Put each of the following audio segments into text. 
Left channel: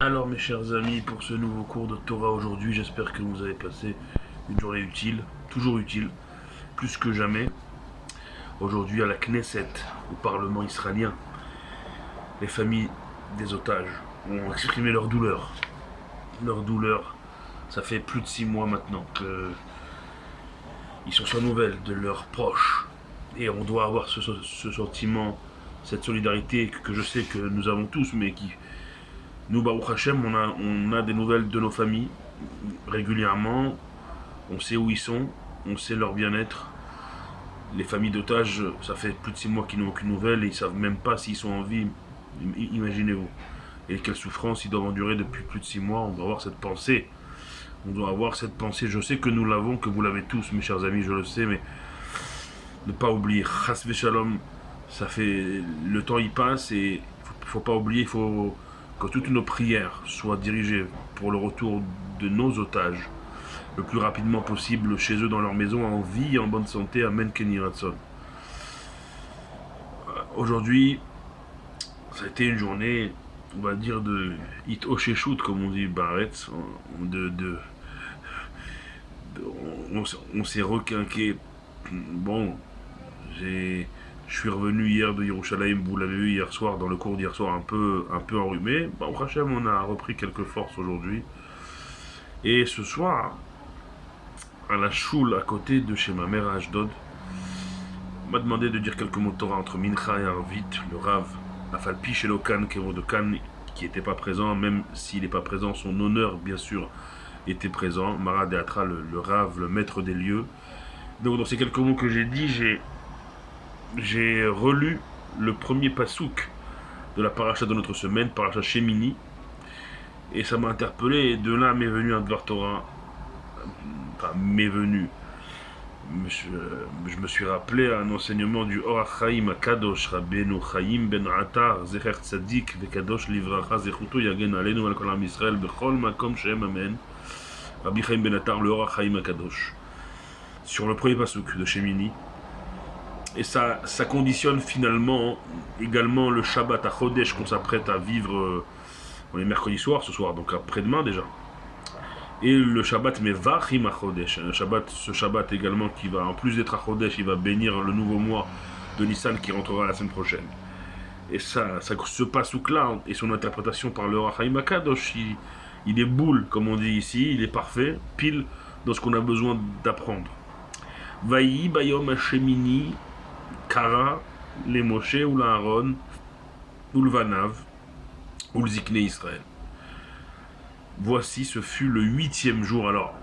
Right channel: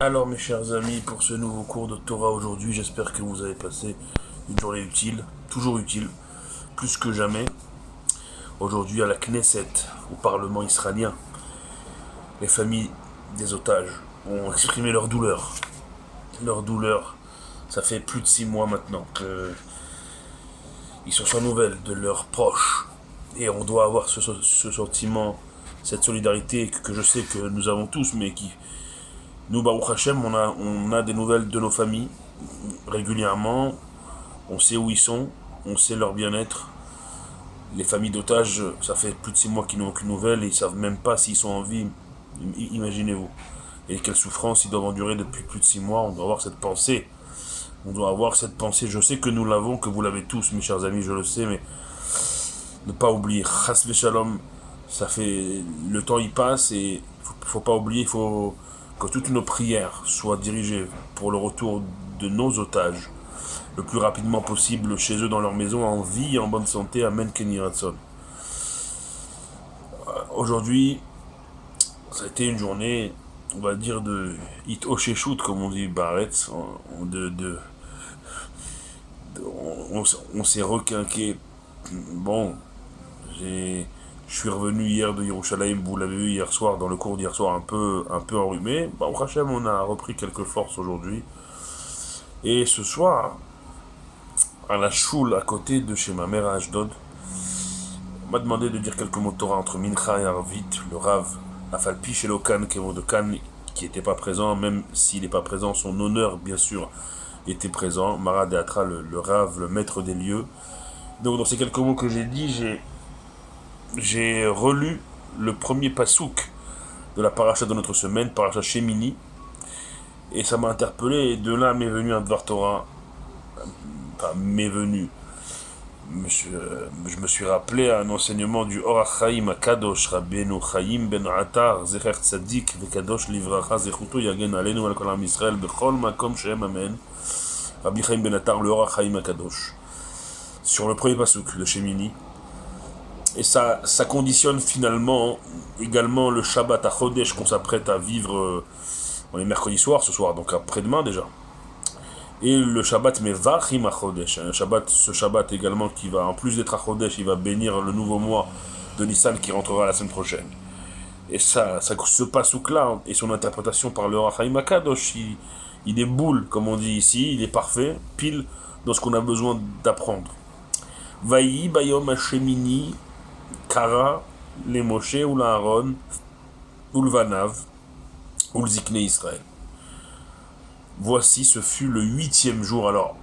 Alors mes chers amis, pour ce nouveau cours de Torah aujourd'hui, j'espère que vous avez passé une journée utile, toujours utile, plus que jamais. Aujourd'hui à la Knesset, au Parlement israélien, les familles des otages ont exprimé leur douleur. Leur douleur, ça fait plus de 6 mois maintenant qu'ils sont sans nouvelles de leurs proches. Et on doit avoir ce sentiment, cette solidarité que je sais que nous avons tous, mais qui, nous, Baruch Hashem, on a des nouvelles de nos familles régulièrement. On sait où ils sont, on sait leur bien-être. Les familles d'otages, ça fait plus de 6 mois qu'ils n'ont aucune nouvelle et ils savent même pas s'ils sont en vie. Imaginez-vous. Et quelle souffrance ils doivent endurer depuis plus de 6 mois. On doit avoir cette pensée. On doit avoir cette pensée. Je sais que nous l'avons, que vous l'avez tous, mes chers amis, je le sais, mais ne pas oublier. Chas Shalom, ça fait. Le temps y passe et faut pas oublier, il faut que toutes nos prières soient dirigées pour le retour de nos otages le plus rapidement possible chez eux dans leur maison, en vie et en bonne santé. Amen Kenny Ratson. Aujourd'hui, ça a été une journée, on va dire, de hit Osheshut, comme on dit, Baretz. On s'est requinqué. Bon, je suis revenu hier de Yerushalayim, vous l'avez vu hier soir, dans le cours d'hier soir, un peu enrhumé. Au Hachem, on a repris quelques forces aujourd'hui. Et ce soir, à la choule à côté de chez ma mère à Ashdod, on m'a demandé de dire quelques mots de Torah entre Mincha et Arvit, le Rav Afalpi chez Lokan, Kevo de Khan, qui n'était pas présent, même s'il n'est pas présent, son honneur, bien sûr, était présent. Marad et Atra, le Rav, le maître des lieux. Donc, dans ces quelques mots que j'ai dit, j'ai relu le premier pasouk de la paracha de notre semaine, paracha Shemini, et ça m'a interpellé, et de là m'est venu un Dvar Torah, enfin, m'est venu. Je me suis rappelé à un enseignement du Orach Chaim Kadosh Rabbeinu Chaim Ben Atar Zecher Tzadik Vekadosh Livracha Zechuto Yagen Alenu Al Kol Am Yisrael Bechol Makom Shem Amen. Rabbi Chaim Ben Atar, le Orach Chaim Kadosh, sur le premier pasuk de Shemini. Et ça conditionne finalement également le Shabbat à Chodesh qu'on s'apprête à vivre. On est mercredi soir ce soir, donc après-demain déjà. Et le Shabbat Mevachim HaChodesh, ce Shabbat également qui va, en plus d'être à Chodesh, il va bénir le nouveau mois de Nissan qui rentrera la semaine prochaine. Et ce pasouk-là et son interprétation par le Rachaim HaKadosh, il est boule, comme on dit ici, il est parfait, pile dans ce qu'on a besoin d'apprendre. Vayi Bayom Hashemini Kara le Moshe ou l'Aaron ou le Vanav ou le Zikne Israël. Voici, ce fut le 8e jour. Alors,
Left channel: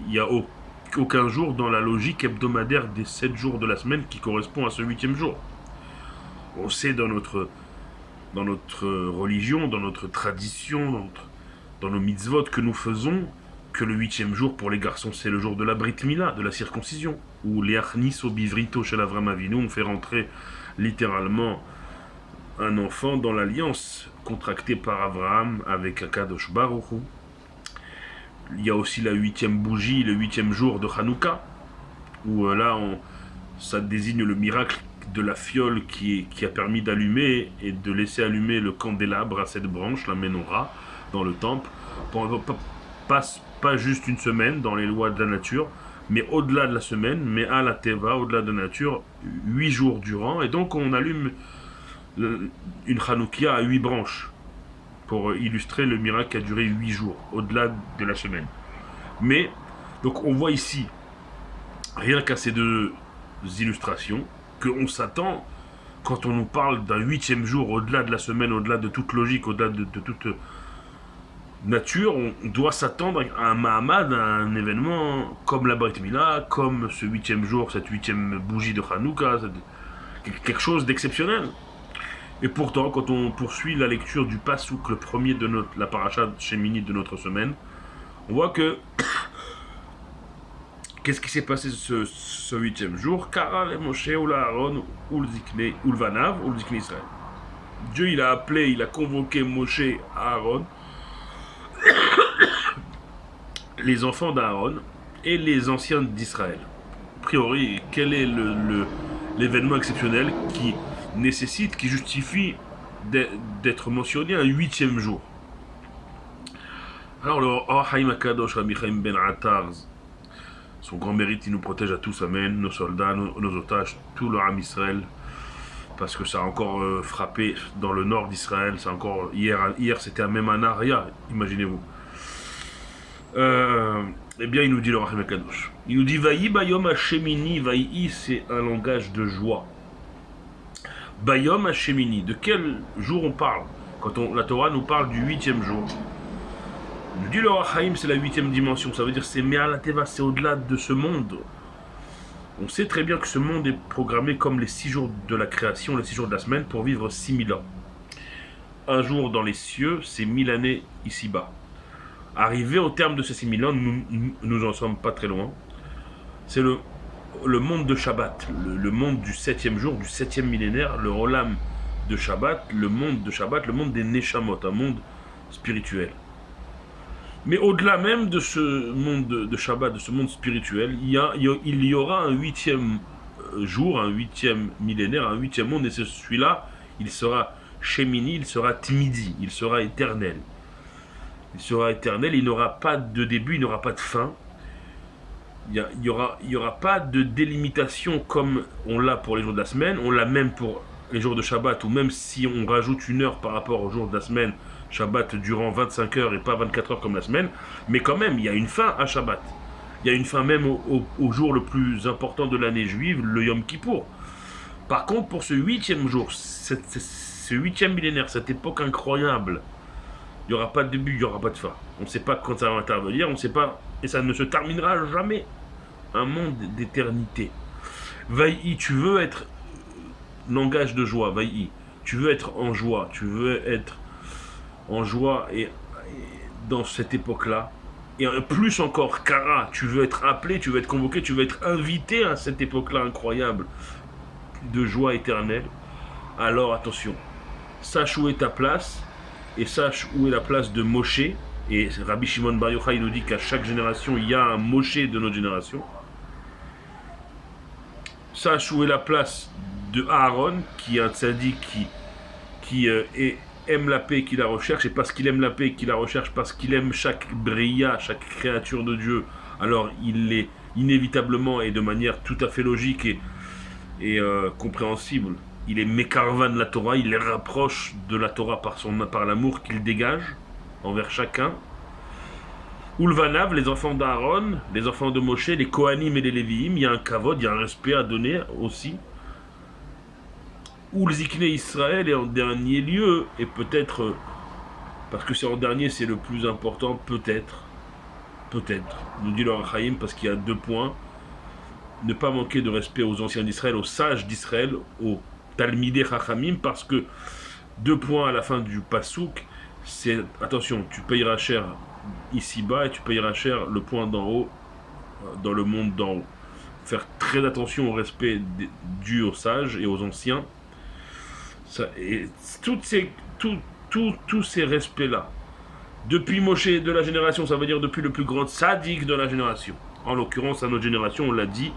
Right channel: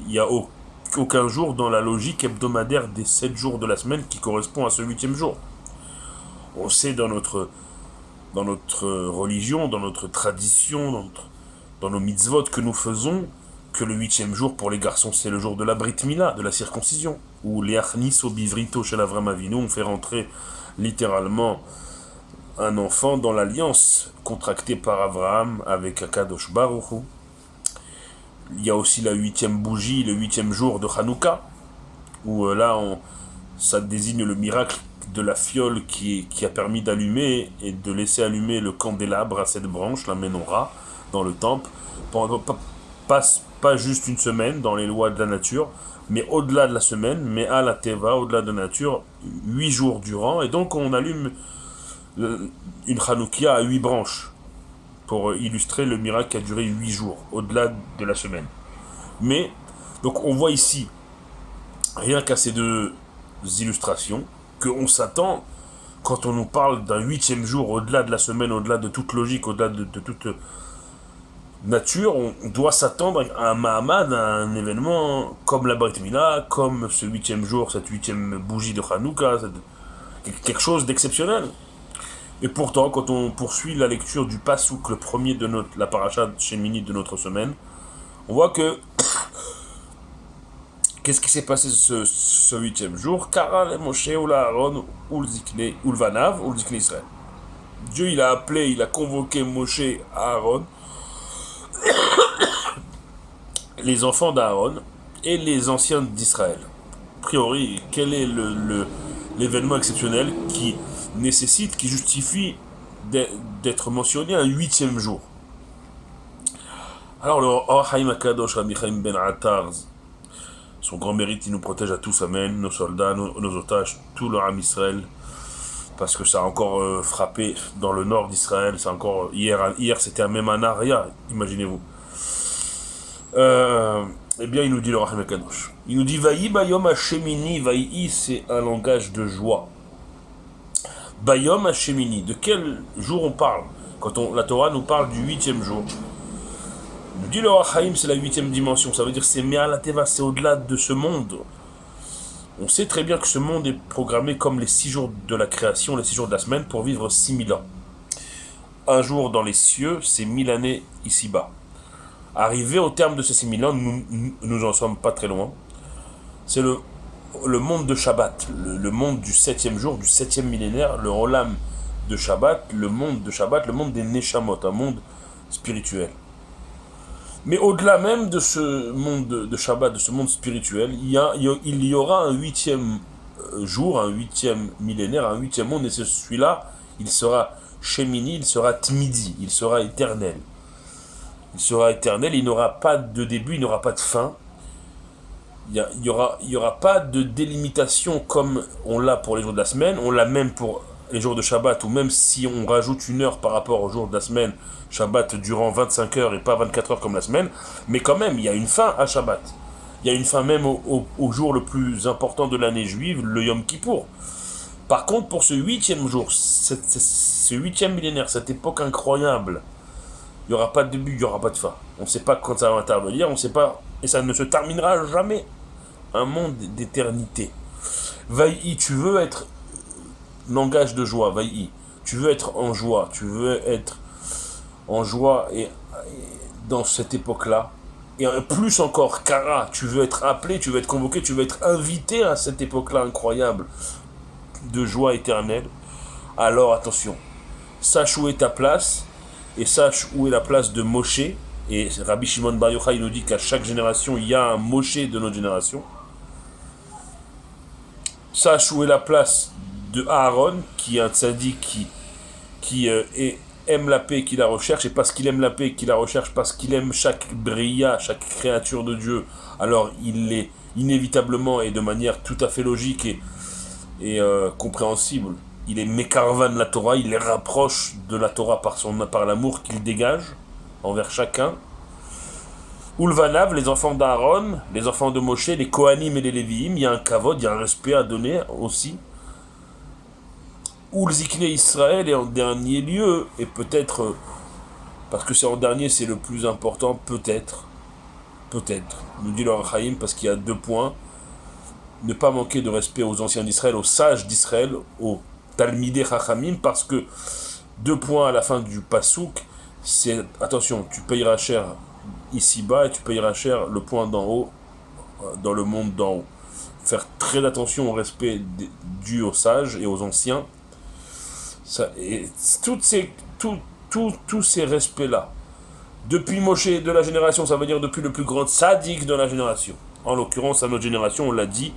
il n'y a aucun jour dans la logique hebdomadaire des 7 jours de la semaine qui correspond à ce 8e jour. On sait dans notre religion, dans notre tradition, dans nos mitzvot que nous faisons, que le 8e jour pour les garçons c'est le jour de la Brit Mila, de la circoncision, où les Achnis au Bivrito chez l'Avram Avinu, on fait rentrer littéralement un enfant dans l'alliance contractée par Abraham avec Akadosh Baruch Hu. Il y a aussi la 8e bougie, le 8e jour de Hanouka, où ça désigne le miracle de la fiole qui a permis d'allumer et de laisser allumer le candélabre à cette branche, la menorah, dans le temple, pas juste une semaine dans les lois de la nature, mais au-delà de la semaine, mais à la Teva, au-delà de la nature, 8 jours durant, et donc on allume une Hanoukia à 8 branches pour illustrer le miracle qui a duré 8 jours, au-delà de la semaine. Mais, donc on voit ici, rien qu'à ces deux illustrations, qu'on s'attend, quand on nous parle d'un 8e jour, au-delà de la semaine, au-delà de toute logique, au-delà de toute nature, on doit s'attendre à un Mahamad, à un événement comme la Brit Mila, comme ce 8e jour, cette 8e bougie de Hanouka, quelque chose d'exceptionnel. Et pourtant, quand on poursuit la lecture du Passouk, le premier de la paracha Shemini de notre semaine, on voit que qu'est-ce qui s'est passé ce 8e jour? Kara le Moshe ou l'Aaron ou le Vanav ou le Zikne Israël. Dieu il a convoqué Moshe, Aaron, les enfants d'Aaron et les anciens d'Israël. A priori, quel est l'événement exceptionnel qui nécessite, qui justifie d'être mentionné un 8e jour? Alors le Or Haïm Akadosh Rabbi Chaim Ben Attar, son grand mérite, il nous protège à tous, amen, nos soldats, nos otages, tout le Ham Israël, parce que ça a encore frappé dans le nord d'Israël, c'est encore, hier c'était même un Aria, imaginez-vous. Eh bien, il nous dit le Rahim Kadosh. Il nous dit Vaï Bayom Hashemini. Vaï, c'est un langage de joie. Bayom Hashemini. De quel jour on parle? Quand la Torah nous parle du 8e jour. Il nous dit le Rahim, c'est la 8e dimension. Ça veut dire c'est Me'al Teva, c'est au-delà de ce monde. On sait très bien que ce monde est programmé comme les 6 jours de la création, les 6 jours de la semaine, pour vivre 6000 ans. Un jour dans les cieux, c'est 1000 années ici-bas. Arrivé au terme de ces 6000 ans, nous en sommes pas très loin. C'est le monde de Shabbat, le monde du 7e jour, du 7e millénaire, le Olam de Shabbat, le monde des Neshamot, un monde spirituel. Mais au-delà même de ce monde de Shabbat, de ce monde spirituel, il y aura un 8e jour, un 8e millénaire, un 8e monde, et celui-là, il sera Shemini, il sera Tmidi, il sera éternel. Il sera éternel, il n'aura pas de début, il n'aura pas de fin. Il n'y aura pas de délimitation comme on l'a pour les jours de la semaine, on l'a même pour les jours de Shabbat, ou même si on rajoute une heure par rapport aux jours de la semaine, Shabbat durant 25 heures et pas 24 heures comme la semaine, mais quand même, il y a une fin à Shabbat. Il y a une fin même au jour le plus important de l'année juive, le Yom Kippour. Par contre, pour ce 8e jour, ce 8e millénaire, cette époque incroyable, il n'y aura pas de début, il n'y aura pas de fin. On ne sait pas quand ça va intervenir, on ne sait pas, et ça ne se terminera jamais. Un monde d'éternité. Vaï, tu veux être langage de joie, vaï. Tu veux être en joie, et dans cette époque-là. Et plus encore, Kara, tu veux être appelé, tu veux être convoqué, tu veux être invité à cette époque-là incroyable de joie éternelle. Alors attention, sache où est ta place, et sache où est la place de Moshe. Et Rabbi Shimon Bar Yochai nous dit qu'à chaque génération, il y a un Moshe de notre génération. Sache où est la place de Aaron, qui est un tzaddik qui aime la paix, qui la recherche, et parce qu'il aime la paix, qui la recherche, parce qu'il aime chaque bria, chaque créature de Dieu, alors il est inévitablement et de manière tout à fait logique et compréhensible, il est Mekarvan la Torah, il les rapproche de la Torah par l'amour qu'il dégage envers chacun. Ulvanav, les enfants d'Aaron, les enfants de Moshe, les Kohanim et les Lévi'im, il y a un kavod, il y a un respect à donner aussi. Ulzikne Israël, et en dernier lieu, et peut-être, parce que c'est en dernier, c'est le plus important, peut-être, nous dit le Chaim, parce qu'il y a 2 points. Ne pas manquer de respect aux anciens d'Israël, aux sages d'Israël, aux Talmidei Chachamim, parce que 2 points à la fin du Passouk, c'est, attention, tu payeras cher ici-bas et tu payeras cher le point d'en haut, dans le monde d'en haut. Faire très attention au respect dû aux sages et aux anciens. Ça, et tous ces respects-là, depuis Moshe de la génération, ça veut dire depuis le plus grand tzaddik de la génération. En l'occurrence, à notre génération, on l'a dit,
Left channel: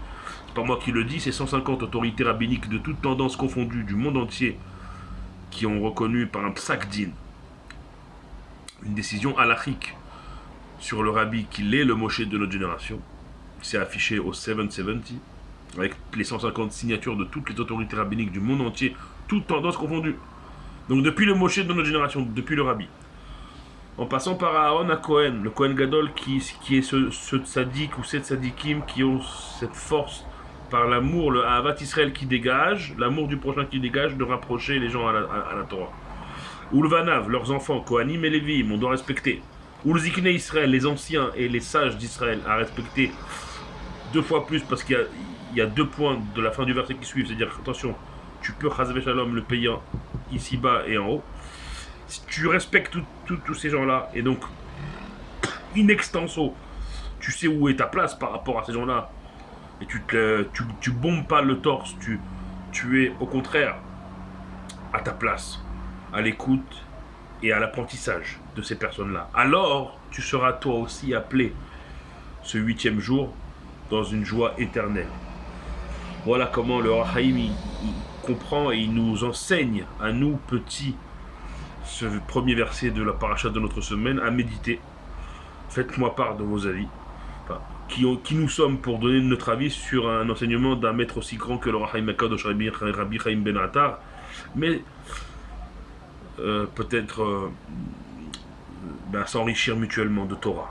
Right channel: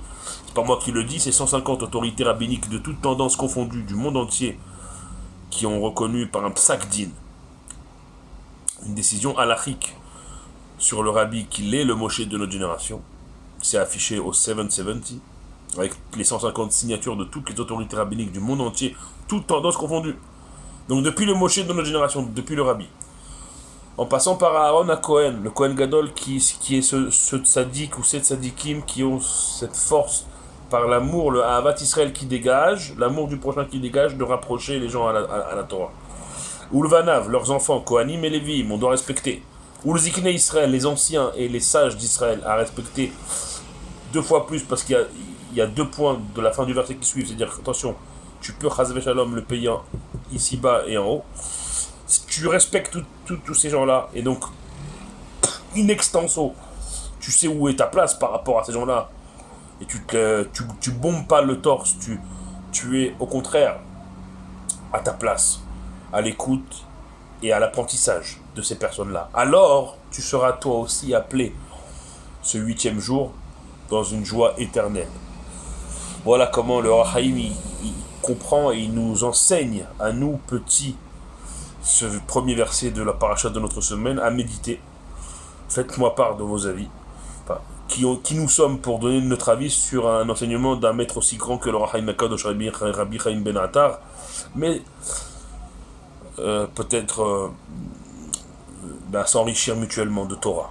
c'est pas moi qui le dis, c'est 150 autorités rabbiniques de toutes tendances confondues du monde entier qui ont reconnu par un psak din, une décision halachique sur le rabbi qu'il est le Moshe de notre génération. C'est affiché au 770, avec les 150 signatures de toutes les autorités rabbiniques du monde entier, toutes tendances confondues. Donc depuis le Moshe de notre génération, depuis le rabbi, en passant par Aaron à Cohen, le Cohen Gadol qui est ce tzaddik ou ces tzaddikim qui ont cette force par l'amour, le Ahavat Israël qui dégage, l'amour du prochain qui dégage, de rapprocher les gens à la Torah. Ulvanav, leurs enfants, Kohanim et Lévi'im, on doit respecter. Ulzikne Israël, les anciens et les sages d'Israël, à respecter 2 fois plus, parce qu'il y a 2 points de la fin du verset qui suivent, c'est-à-dire, attention, tu peux chazve shalom le payer ici-bas et en haut. Si tu respectes tous ces gens-là, et donc, in extenso, tu sais où est ta place par rapport à ces gens-là, et tu bombes pas le torse, tu es au contraire à ta place, à l'écoute et à l'apprentissage de ces personnes-là. Alors, tu seras toi aussi appelé ce 8e jour dans une joie éternelle. Voilà comment le Rahaïm il comprend et il nous enseigne à nous petits ce premier verset de la paracha de notre semaine à méditer. Faites-moi part de vos avis. Enfin, qui nous sommes pour donner notre avis sur un enseignement d'un maître aussi grand que le Rahaim Akadosh Rabbi Chaim Ben Attar, mais peut-être s'enrichir mutuellement de Torah.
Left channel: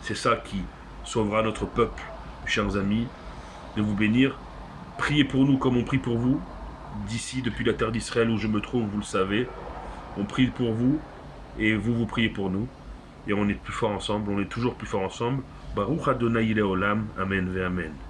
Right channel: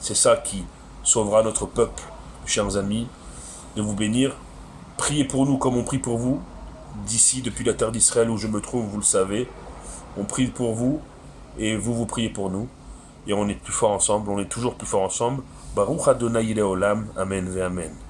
C'est ça qui sauvera notre peuple, chers amis, de vous bénir. Priez pour nous comme on prie pour vous. D'ici, depuis la terre d'Israël où je me trouve, vous le savez, on prie pour vous et vous priez pour nous. Et on est plus fort ensemble, on est toujours plus fort ensemble. Baruch Adonai Leolam, Amen ve Amen.